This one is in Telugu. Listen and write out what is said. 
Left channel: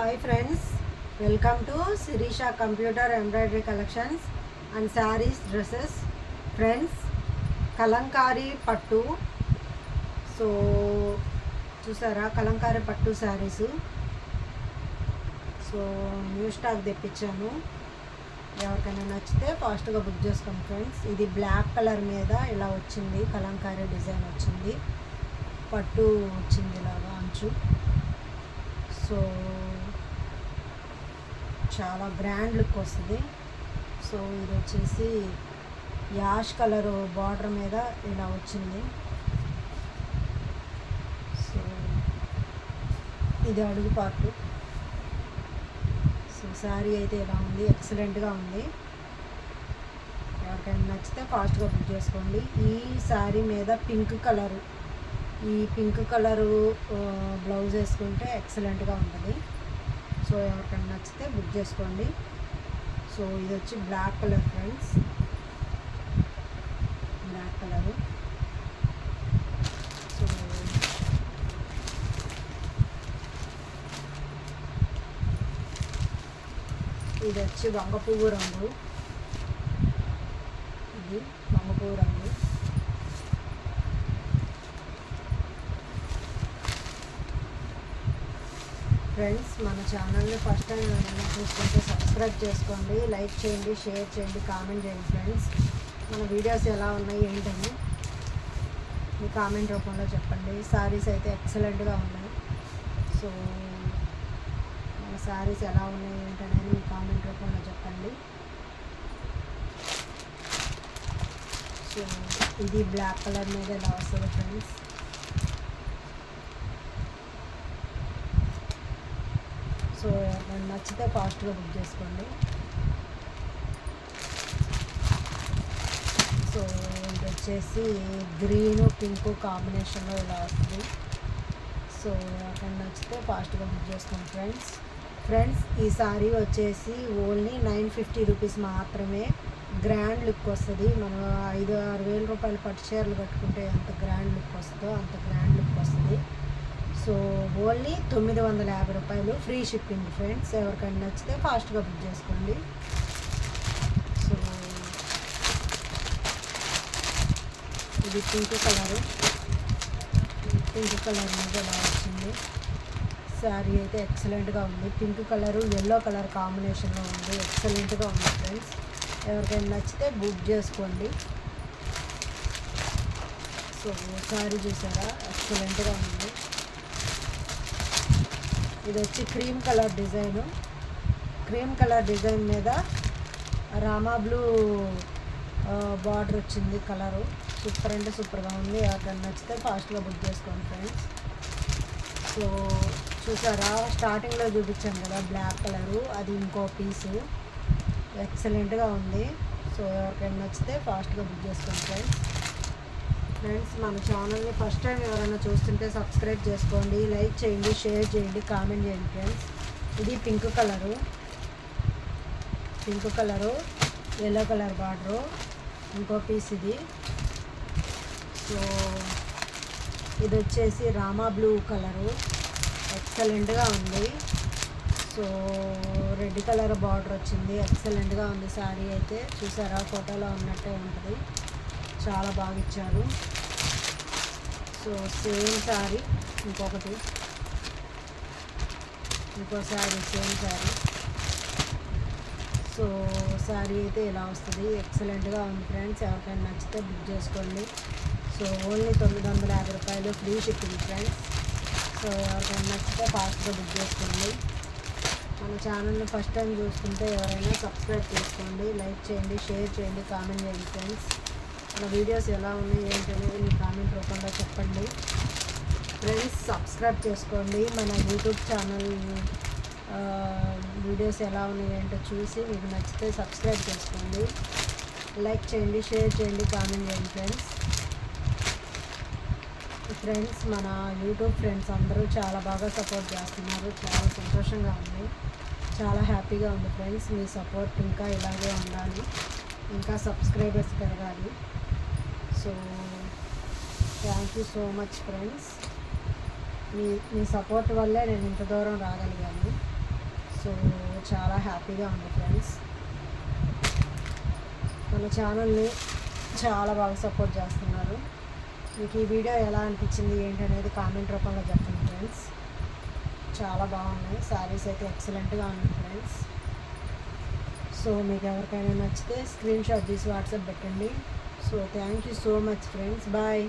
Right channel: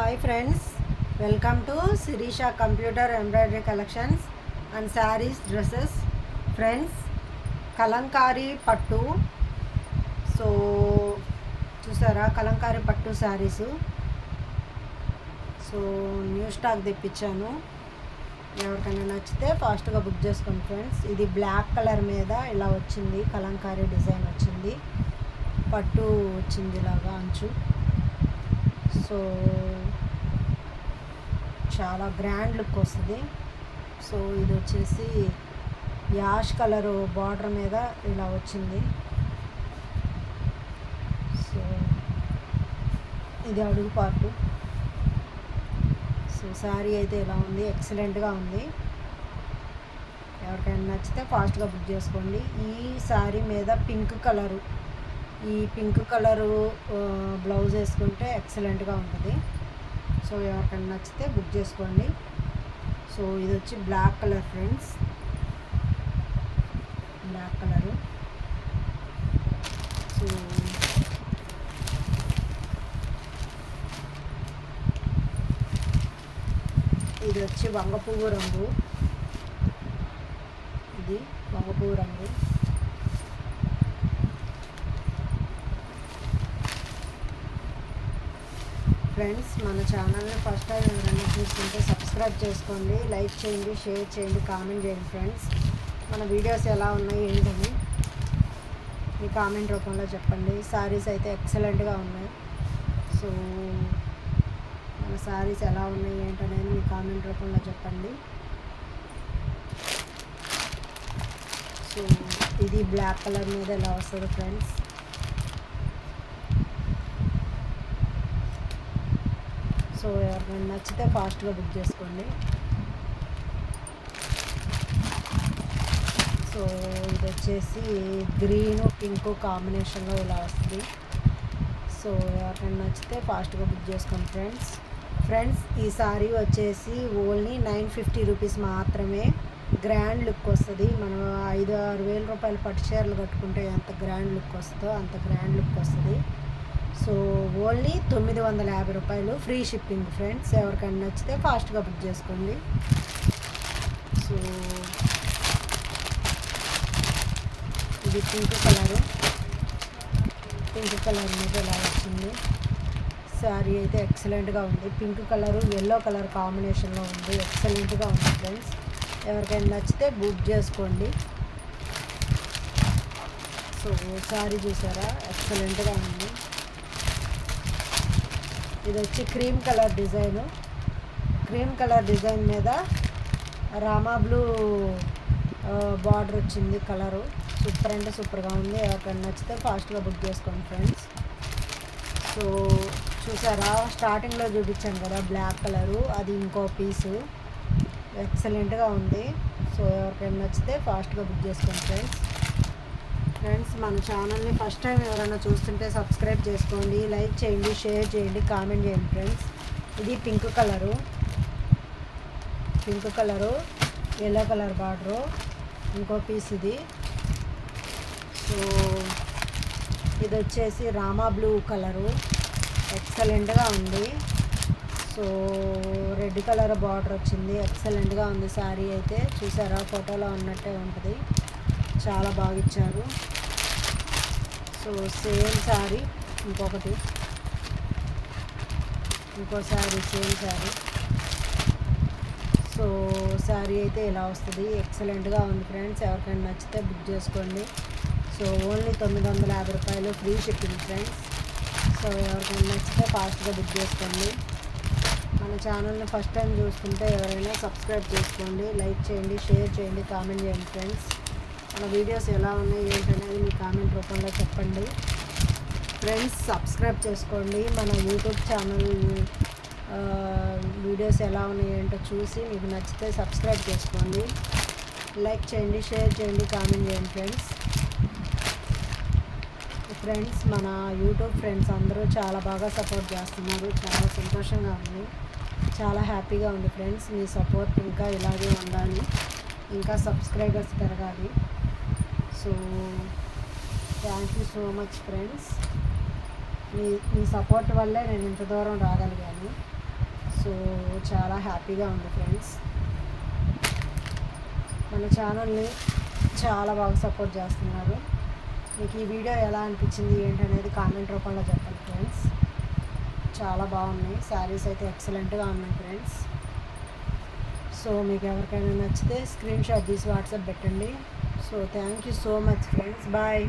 Hi friends, welcome to Shirisha computer embroidery collections and sarees dresses. Friends, Kalamkari పట్టు. సో చూసారా, కలంకారీ పట్టు శారీసు. సో న్యూ స్టాక్ తెప్పించాను. ఎవరికైనా నచ్చితే ఫాస్ట్గా బుక్ చేసుకోండి ఫ్రెండ్స్. ఇది బ్లాక్ కలర్ మీద ఇలా వచ్చింది, కలంకారీ డిజైన్ వచ్చింది, పట్టు వచ్చింది ఇలాగా అంచు. సో చాలా గ్రాండ్ లుక్ వస్తుంది. సో ఇది వచ్చేసి యాష్ కలర్ బార్డర్ మీద ఇలా వచ్చింది. సో ఇది అడుగు పార్టు. సో శారీ అయితే ఇలా ఉంది, ఎక్సలెంట్గా ఉంది. ఎవరికైనా నచ్చితే ఫాస్ట్గా బుక్ చేసుకోండి. ఈ శారీ మీద పింక్ కలరు, ఈ పింక్ కలరు బ్లౌజ్ వేసుకుంటే ఎక్సలెంట్గా ఉంటుంది. సో ఎవరికైనా నచ్చితే బుక్ చేసుకోండి. సో ఇది వచ్చి black colour friends, black colour. So ఇది వచ్చి వంగపువ్వు రంగు, ఇది వంగపువ్వు రంగు. ఫ్రెండ్స్, మన ఛానల్ని ఫస్ట్ టైం ఎవరైనా చూసుకుంటే సబ్స్క్రైబ్ చేసుకోండి, లైక్ చేయండి, షేర్ చేయండి, కామెంట్ చేయండి ఫ్రెండ్స్. మన వీడియోస్ ఎలా ఉన్నాయి ఏంటని మీ కామెంట్ రూపంలో చెప్పండి. శారీస్ అయితే ఎక్సలెంట్గా ఉన్నాయి. సో మన శారీస్ ఎలా ఉన్నాయి ఏంటనేది మీ కామెంట్ రూపంలో చెప్పండి. సో ఇది బ్లాక్ కలర్ మీద ఎలా వస్తుంది ఫ్రెండ్స్. సో ఎవరైనా నచ్చితే ఫాస్ట్గా బుక్ చేసుకోండి. సో ఇది వచ్చేసి గ్రీను పింక్ కాంబినేషన్లో ఇలా వస్తుంది. సో ఎవరైనా నచ్చితే ఫాస్ట్గా బుక్ చేసుకోండి ఫ్రెండ్స్. ఫ్రెండ్స్, ఈ శారీ వచ్చేసి ఓన్లీ 950 రూపీస్ మాత్రమే. గ్రాండ్ లుక్ వస్తుంది. మనం 5-6 వేల రూపాయలు పట్టు చీరలు కట్టుకుంటే ఎంత గ్రాండ్ లుక్ వస్తుందో అంత గ్రాండ్ లుక్ వస్తుంది. సో ఓన్లీ 950 రూపాయలు, ఫ్రీ షిప్పింగ్ ఫ్రెండ్స్. ఎవరికైనా నచ్చితే ఫాస్ట్గా బుక్ చేసుకోండి. సో ఇది పింక్ కలరు, పింక్ కలర్ మీద ఇలా వచ్చింది. శారీ అయితే ఎక్సలెంట్గా ఉంది. పింక్ కలరు ఎల్లో కలర్ కాంబినేషన్లో ఉంది, ఎక్సలెంట్గా ఉంది ఫ్రెండ్స్. ఎవరికైనా నచ్చితే బుక్ చేసుకోండి. సో శారీ చూసారా, ఎక్సలెంట్గా ఉంది. ఇది వచ్చి cream colour design, cream colour design మీద రామా బ్లూ బార్డర్ వచ్చింది. కలరు సూపర్ అంటే సూపర్గా ఉంది. ఎవరికైనా నచ్చితే ఫాస్ట్గా బుక్ చేసుకోండి ఫ్రెండ్స్. సో చూసారా, స్టార్టింగ్లో చూపించాను కదా బ్లాక్ కలరు, అది ఇంకో పీసు, ఎక్సలెంట్గా ఉంది. సో ఎవరికైనా నచ్చితే ఫాస్ట్గా బుక్ చేసుకోండి ఫ్రెండ్స్. ఫ్రెండ్స్, మన ఛానల్ని ఫస్ట్ టైం ఎవరైనా చూస్తుంటే సబ్స్క్రైబ్ చేసుకోండి, లైక్ చేయండి, షేర్ చేయండి, కామెంట్ చేయండి ఫ్రెండ్స్. ఇది pink colour, pink colour yellow colour border, ఇంకో పీస్ ఇది. సో ఇది వచ్చేసి రామా బ్లూ కలరు, ఎక్సలెంట్గా ఉంది. సో రెడ్ కలర్ బార్డర్ వచ్చింది, ఎక్సలెంట్గా ఉంది. శారీ అయితే చూసారా, ఫోటోలో ఉన్నట్టే ఉంటుంది, చాలా బాగా ఇచ్చారు. సో సేమ్ శారీ ఇంకొకటి, ఇంకో శారీ సేమ్ శారీ. సో శారీ అయితే ఇలా వస్తుంది, ఎక్సలెంట్గా ఉంది ఫ్రెండ్స్. ఎవరికైనా నచ్చితే బుక్ చేసుకోండి. సో ఓన్లీ 950 రూపాయలు, ఫ్రీ షిప్పింగ్ ఫ్రెండ్స్. సో ఎవరికైనా నచ్చితే ఫాస్ట్గా బుక్ చేసుకోండి. మన ఛానల్ని ఫస్ట్ టైం చూసుకుంటే ఎవరైనా సబ్స్క్రైబ్ చేసుకోండి, లైక్ చేయండి, షేర్ చేయండి, కామెంట్ చేయండి ఫ్రెండ్స్. మన వీడియోస్ ఎలా ఉన్నాయి ఏంటనేది మీ కామెంట్ రూపంలో చెప్పండి ఫ్రెండ్స్. సబ్స్క్రైబ్ చేసుకోండి. మన యూట్యూబ్ ఛానల్ వీడియోస్ ఎలా ఉన్నాయి ఏంటో చూసి మీకు నచ్చితే సబ్స్క్రైబ్ చేసుకోండి, లైక్ చేయండి, షేర్ చేయండి, కామెంట్ చేయండి ఫ్రెండ్స్. ఫ్రెండ్స్, మన యూట్యూబ్ ఫ్రెండ్స్ అందరూ చాలా బాగా సపోర్ట్ చేస్తున్నారు, చాలా సంతోషంగా ఉంది, చాలా హ్యాపీగా ఉంది ఫ్రెండ్స్. మీ సపోర్ట్ ఇంకా ఇలాగే ఉండాలి, ఇంకా సబ్స్క్రైబర్స్ పెరగాలి. So thank you so much friends. Me support వల్లే నేను ఇంత దూరం రాగలిగాను. సో చాలా హ్యాపీగా ఉంది ఫ్రెండ్స్. మన ఛానల్ని చాలా బాగా సపోర్ట్ చేస్తున్నారు. మీకు ఈ వీడియో ఎలా అనిపించింది ఏంటనేది కామెంట్ రూపంలో చెప్పండి ఫ్రెండ్స్. చాలా బాగున్నాయి శారీస్ అయితే, ఎక్సలెంట్గా ఉన్నాయి ఫ్రెండ్స్. సో మీకు ఎవరికైనా నచ్చితే స్క్రీన్ షాట్ తీసి వాట్సాప్ పెట్టండి. So thank you so much friends. Bye.